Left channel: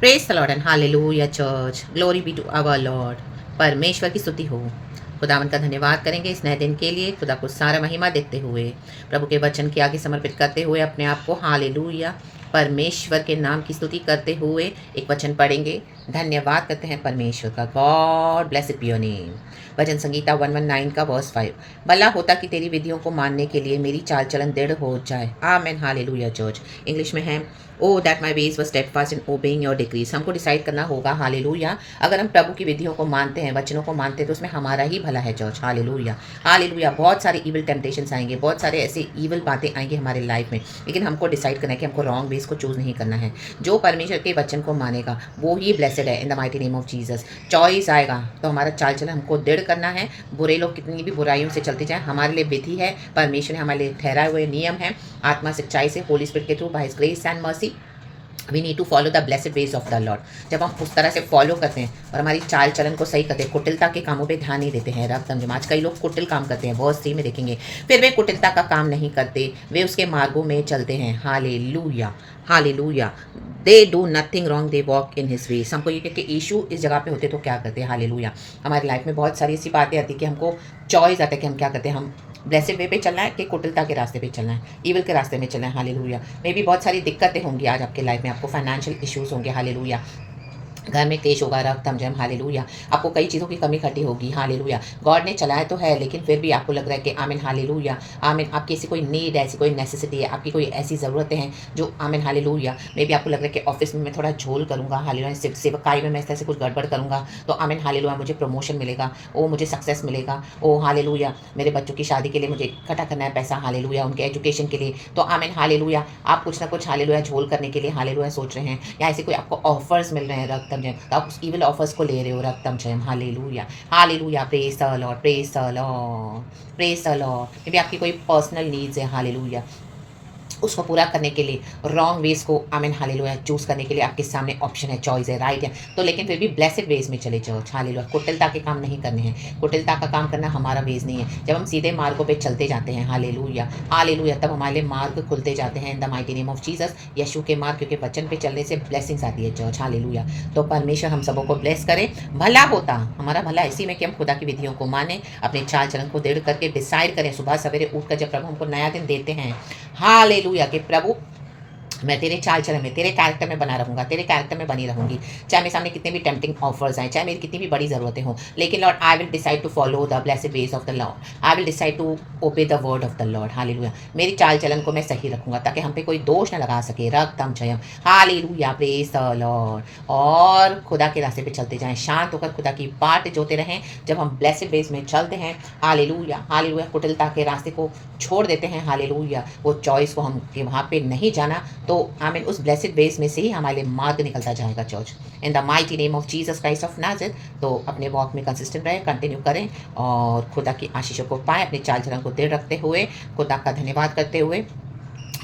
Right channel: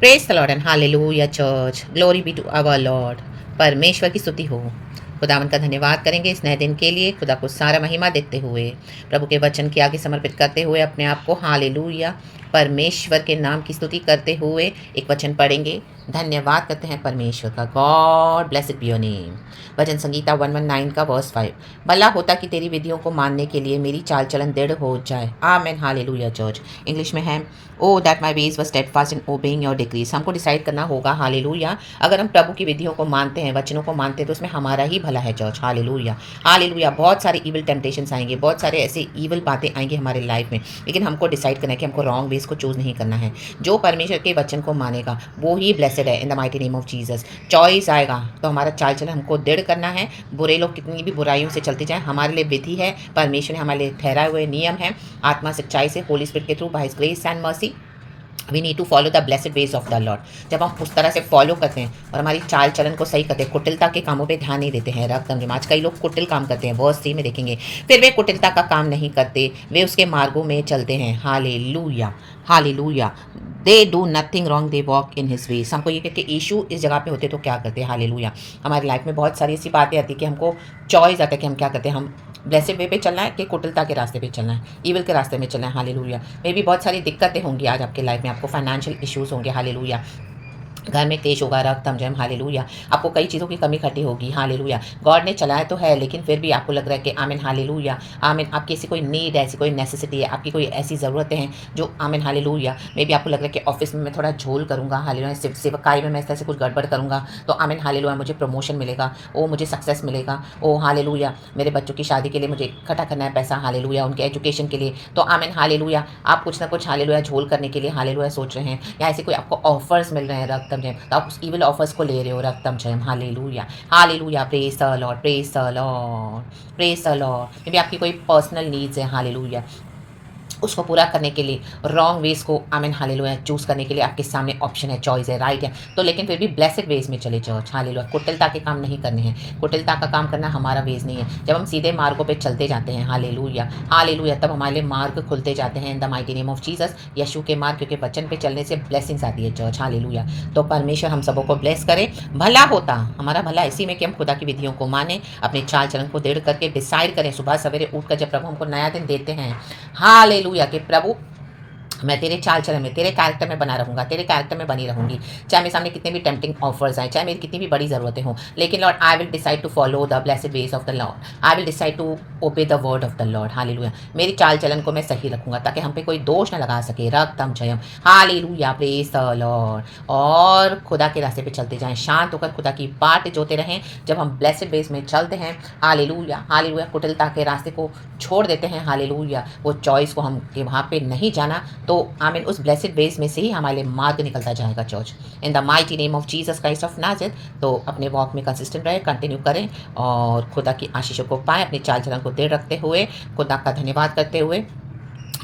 Praise the Lord and hallelujah church, glory be to our Lord. परमेश्वर की स्तुति हो। खुदावन का धन्यवाद करेंगे इस नए दिन के लिए, खुदा को सारा महिमा देते हुए, प्रभु के वचन के आगे समर्पित करते हुए अपने आप को हालेलुया परमेश्वर के नाम की स्तुति करते हुए एक वचन पढ़ेंगे। धन्यवाद करते हैं परमेश्वर का। God bless it be your name. भजन संगीता 119 का वर्स 5। भला होता कि तेरी विधियों को मानने के लिए मेरी चाल चलन दृढ़ हो जाए। Amen hallelujah church. इंग्लिश में है, ओ दैट माई वेज व steadfast in obeying your decrease. हमको डिसाइड करना होगा हालेलुया, अगर हम प्रभु की विधियों को मानते हैं, वचनों को मानते हैं, तो उसमें हमारा ही भला है चर्च। Hallelujah hallelujah. बहुत सारे इविल टेम्पटेशंस आएंगे, बहुत सारे ऐसे इविल बातें आएंगी हमारे लाइफ में, लेकिन हमको डिसाइड करना है कि हमको रॉन्ग वेज को चूज नहीं करना है। जो परमेश्वर के वचन को मानेगा वो ही ब्लेसेड है इन the mighty name of Jesus. Choice आएगा तो हमारा चाल चलन हमको दृढ़ करना है। बुरे लोग कितनी भी बुराइयों से चलते जाएं, हमारे लिए विधि है, परमेश्वर ने हमारे लिए ठहराए हुए नियम है। आत्मा सच्चाई से होली स्पिरिट के through by his grace and mercy we need to follow the blessed ways of the Lord. जब हम उस तरह से फॉलो करते हैं और हमारी चाल चलन को सही करते हैं, कुटिलता के कामों पे ध्यान नहीं देते हैं। रक्त आज कई लोग कुटिल काम करते हैं, वर्स 3 में देखेंगे, फिर वे कुटिलता का काम नहीं करते, वे उसके मार्गों में चलते हैं। Hallelujah hallelujah. They do nothing wrong, they walk in his veg. हमको ये कि यीशु इस जगह पे होते तो क्या करते हैं। हालेलुया। हमारी लाइफ में बहुत सारी ऐसी बातें आती है कि हमको चॉइस आता है कि हम क्या करते हैं। हम ब्लेसेड वे पे चलना है कि कुटिलता के रास्ते पे चलना है, ईविल के रास्ते में चलना है। हालेलुया। मे भी बहुत सारी दिक्कतें होंगी आज आपके लाइफ में, आपको फाइनेंशियल इश्यूज होंगे। हालेलुया। घर में क्लेश होगा, रक्त जम। हालेलुया। आपको कई चीज़ों की कमी खटी होगी। हालेलुया। गॉड ने चलाया तो है, लेकिन फिर भी आपको लग रहा है कि आमिन हालेलुया आमिन, आपकी ऐसी कोई नीड है, ऐसी कोई नेसेसिटी है, आपकी कोई ऐसी ज़रूरतें हैं जो आमिन हालेलुया। मे भी आपको लग रहा है कि ऑफिस में मैं थोड़ा झोल करूँगा, हालेलुया, सेवकाई में मैं इस तरह से कुछ गड़बड़ करूँगा तो आमिन हालेलुया मुझे प्रमोशन मिलेगा, ओ मुझे सक्सेस मिलेगा, ओ हालेलुया मेरे बच्चों की शादी के लिए मुझे इकट्ठा करना है पैसा, हालेलुया, उनके एजुकेशन के लिए, तो आमिन हालेलुया। आप कुछ ना कुछ हालेलुया झोल करने के लिए हालेलुया सोच रहे हैं, या ऐसे कोई आपको ऑफर्स मिल रहे हैं रक्तम जयम, तो आप उस इविल ऑफर्स को ले रहे हो रक्तम जयम। Hallelujah hallelujah. Praise the Lord, praise the Lord, praise the Lord. Maybe आपकी कोई पर्सनल नीड्स है, हालेलुया, उसको पूरा करने के लिए रॉन्ग वेज को आमीन हालेलुया चूज करने के लिए आपके सामने ऑप्शन है, चॉइस है, राइट है, तो लेकिन फिर भी ब्लेसेड वेज में चले चर्च। हालेलुया। कुटिलता के काम नहीं करने हैं, कुटिलता का काम करना हमारा वेज नहीं है। जब हम सीधे मार्गों पे चलते जाते हैं, हालेलुया हालेलुया, तब हमारे लिए मार्ग खुलते जाते हैं in the mighty name of Jesus. यीशु के मार्ग, क्योंकि वचन पे चलने से ब्लेसिंग्स आती है चर्च। हालेलुया। तो परमेश्वर हम सबों को ब्लेस करे। भला होता, हमारा भला इसी में कि हम खुदा की विधियों को माने, अपने चाल चलन को दृढ़ करके डिसाइड करें सुबह सवेरे उठकर, जब प्रभु हमको नया दिन देते हैं, हालेलुया, कि प्रभु मैं तेरे चाल चलन में, तेरे कैरेक्टर में बना रहूंगा, तेरे कैरेक्टर में बनी रहूंगी, चाहे मेरे सामने कितने भी टेम्पटिंग ऑफर्स आए, चाहे मेरी कितनी भी बड़ी ज़रूरतें हों, लेकिन Lord I will decide to follow the blessed ways of the Lord. I will decide to obey the word of the Lord. Hallelujah. मेरी चाल चलन को मैं सही रखूंगा ताकि हम पे कोई दोष न लगा सके। रक्तम जयम। हालेलुया। Praise the Lord. और खुदा के रास्ते पे चलते जाएं, शांत होकर खुदा की बाट जोते रहें। जब हम ब्लेसेड वेज में चलते हैं, हालेलुया हालेलुया, कुटिलता के रास्ते को छोड़ देते हैं, हालेलुया, वो चॉइस को हम कि वहाँ पे नहीं जाना, तो आमीन उस ब्लेसिड वेज में से ही हमारे लिए मार्ग निकलता जाएगा church, in the mighty name of Jesus Christ of Nazareth. तो अपने वॉक में कंसिस्टेंट रहे, कंटिन्यू करें और खुदा की आशीषों को पाएं, अपने चाल चलन को दृढ़ रखते हुए, खुदा का धन्यवाद करते हुए।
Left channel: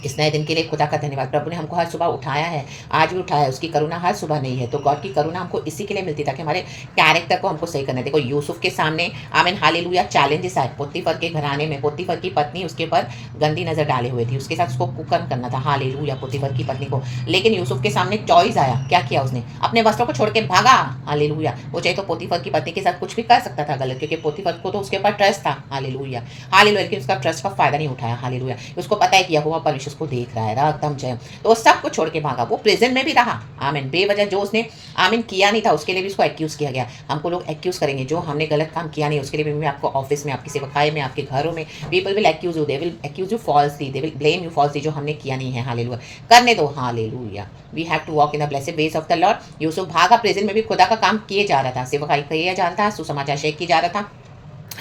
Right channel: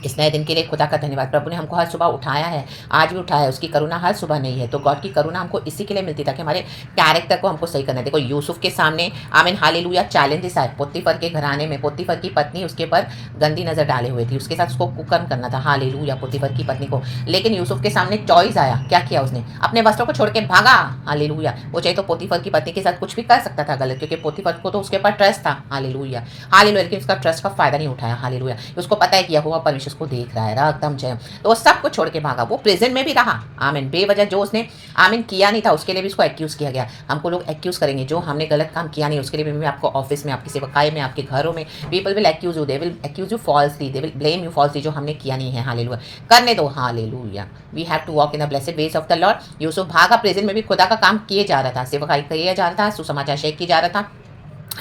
इस नए दिन के लिए खुदा का धन्यवाद। प्रभु ने हमको हर सुबह उठाया है, आज भी उठाया है, उसकी करुणा हर सुबह नहीं है, तो गॉड की करुणा हमको इसी के लिए मिलती ताकि हमारे कैरेक्टर को हमको सही करना है। देखो यूसुफ के सामने आमीन हालेलुया चैलेंजेस आए, पोतीफर के घराने में पोतीफर की पत्नी उसके ऊपर गंदी नजर डाले हुए थी, उसके साथ उसको कुकर्म करना था, हालेलुया, पोतीफर की पत्नी को, लेकिन यूसुफ के सामने चॉइस आया, क्या किया उसने, अपने वस्त्रों को छोड़ के भागा। हालेलुया। वो चाहे तो पोतीफर की पत्नी के साथ कुछ भी कर सकता था गलत, क्योंकि पोतीफर को तो उसके ऊपर ट्रस्ट था, हालेलुया हालेलुया, लेकिन उसका ट्रस्ट का फायदा नहीं उठाया, हालेलुया। उसको पता है कि यहोवा परमेश्वर उसको देख रहा है, एकदम जय, तो वो सब कुछ छोड़ के भागा, वो प्रिजन में भी रहा, आमीन, बेवजह जो उसने आमीन किया नहीं था उसके लिए भी उसको एक्यूज किया गया। हमको लोग एक्यूज करेंगे जो हमने गलत काम किया नहीं, उसके लिए भी आपको ऑफिस में, आपकी सेवकाई में, आपके घरों में people will accuse you, they will accuse you falsely, they will blame you falsely, जो हमने किया नहीं है, हालेलुया, करने दो, hallelujah. We have to walk in the blessed ways of the Lord. Yusuf भागा, प्रिजन में भी खुदा का काम किए जा रहा था, सेवकाई किया जा रहा था, सुसमाचार शेयर किया जा रहा था,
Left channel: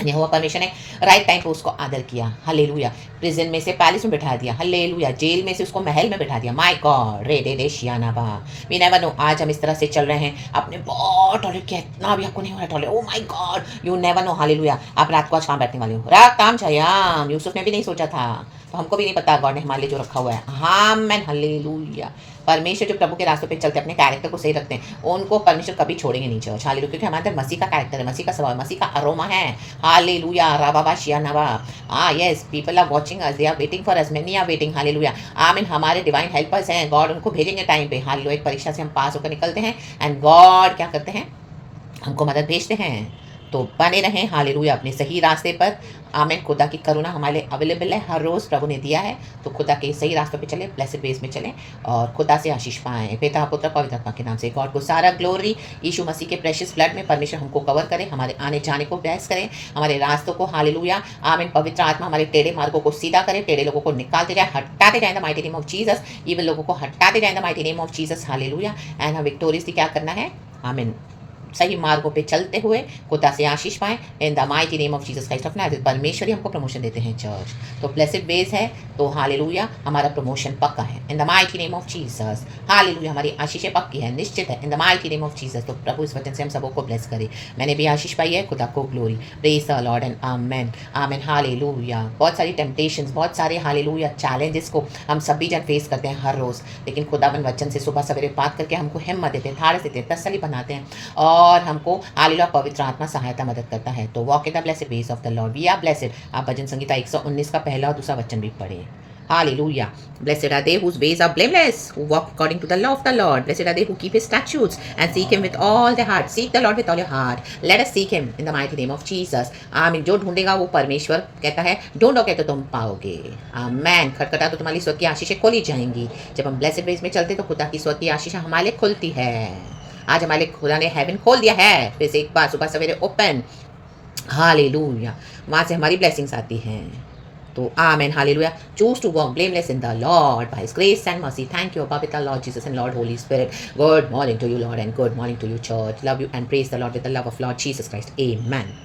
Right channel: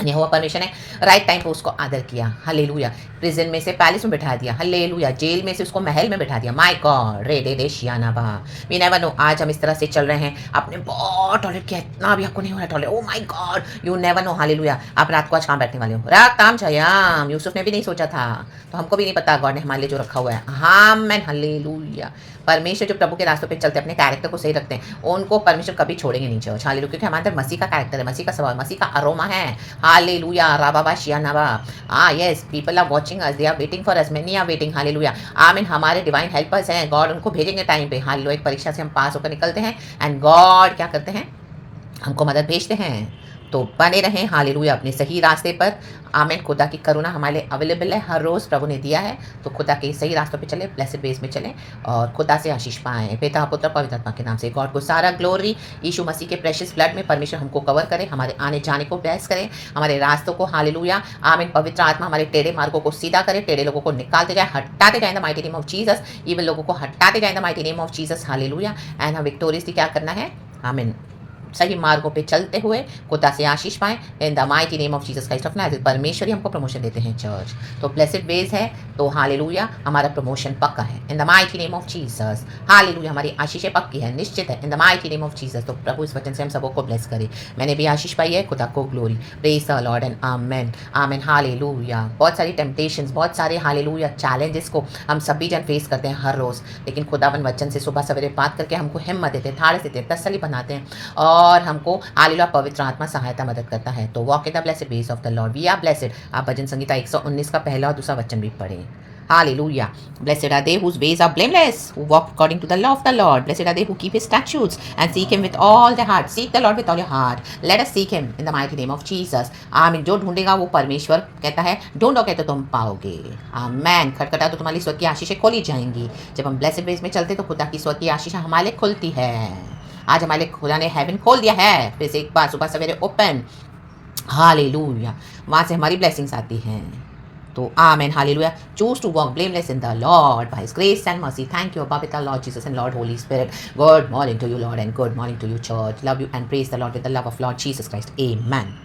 यहोवा परमेश्वर ने राइट टाइम पे उसको आदर किया, हालेलुया, प्रिजन में से पैलेस में बैठा दिया, हालेलुया, जेल में से उसको महल में बैठा दिया, माय गॉड, रे दे दे शियाना बा, वी नेवर नो, आज हम इस तरह से चल रहे हैं, आपने बहुत टॉलरेट किया, इतना भी आपको नहीं हो रहा tolerate, oh my God, you never know, hallelujah, आप रात को आज कहाँ बैठने वाले हो, रात काम छयाम, यूसुफ ने भी नहीं सोचा था, तो हमको भी नहीं पता गॉड ने हमारे लिए जो रखा हुआ है, आमेन, हालेलुया, परमेश्वर जो प्रभु के रास्तों पे चलते अपने कैरेक्टर को सही रखते हैं, उनको परमेश्वर कभी छोड़ेंगे नहीं चर्च। हालेलुया, क्योंकि हमारे अंदर मसीह का कैरेक्टर है, मसीह का स्वभाव, मसीह का अरोमा है। हालेलुया, राबाबा शियानावा। Yes, people are watching us, they are waiting for us, many are waiting. Hallelujah, आमीन। हमारे डिवाइन हेल्पर्स हैं, गॉड उनको भेजेंगे टाइम पे। हालेलुया, एक परीक्षा से हम पास होकर निकलते हैं एंड गॉड क्या करते हैं, हमको मदद भेजते हैं। तो बने रहें हालेलुया अपने सही रास्ते पर। आमीन। खुदा की करुणा हमारे लिए अवेलेबल है, हर रोज़ प्रभु ने दिया है। तो खुदा के सही रास्तों पे चले, ब्लेसेड वेज में चलें और खुदा से आशीष पाएं। पिता पुत्र पवित्र आत्मा के नाम से गॉड को सारा ग्लोरी। यीशु मसीह के प्रेशियस ब्लड में परमेश्वर हमको कवर करें, हमारे आने जाने को ब्लेस करें, हमारे रास्तों को। हालेलुया, आमीन। पवित्र आत्मा हमारे टेढ़े मार्गों को सीधा करे, टेढ़े लोगों को निकालते जाए, हटाते जाए इन the mighty name of Jesus. Even लोगों को हटाते जाए इन the mighty name of Jesus. Hallelujah. And हम विक्टोरियसली क्या करना है, आमीन, सही मार्गों पे चलते हुए खुदा से आशीष पाएं इन the mighty name of Jesus Christ of Nazareth. परमेश्वर ही हमको प्रमोशन देते हैं चर्च। तो ब्लेसेड वेज है, तो हालेलुया हमारा प्रमोशन पक्का है इन the mighty name of Jesus. Hallelujah, हमारी आशीषें पक्की है, निश्चित है इन the mighty name of Jesus. तो प्रभु इस वचन से हम सबों को ब्लेस करे। मैंने भी आशीष पाई है, खुदा को glory. Praise the Lord and amen, amen. Hallelujah. बहुत सारी टेम्पटेशंस, बहुत सारे हालेलुया चैलेंजेस को हम सभी जन फेस करते हैं हर रोज़, लेकिन खुदावन वचन से सुबह सवेरे बात करके हमको हिम्मत देते हैं, थाड़स देते हैं, तसल्ली बनाते हैं और हमको हालेलुया पवित्र आत्मा सहायता मदद करता है। तो walk in the blessed ways of the Lord, we are blessed. आप भजन संगीता 119 का पहला और दूसरा वचन भी पढ़ें। Hallelujah. Blessed are they whose ways are blameless, who walk according to the law of the Lord. Blessed are they who keep his statutes and seek him with all their heart. Seek the Lord with all your heart. Let us seek him in the mighty name of Jesus. आमीन। जो ढूंढेगा वो परमेश्वर कहता है, ढूंढोगे तो तुम पाओगे। आमीन। खटखटा तो तुम्हारी स्वर्ग की आशीषें खोली जाएंगी। जब हम ब्लेसेड वेज में चलते तो खुदा की स्वर्ग की आशीषें हमारे लिए खुलती है। आज हमारे खुदा ने हेवन खोल दिया है फिर से एक बार सुबह सवेरे ओपन। हालेलुया, वहाँ से हमारी ब्लेसिंग्स आती हैं। तो amen. Hallelujah. Choose to walk blameless in the Lord by his grace and mercy. Thank you पवित्र Lord Jesus and Lord holy spirit. Good morning to you Lord and good morning to you church. Love you and praise the Lord with the love of Lord Jesus Christ. Amen.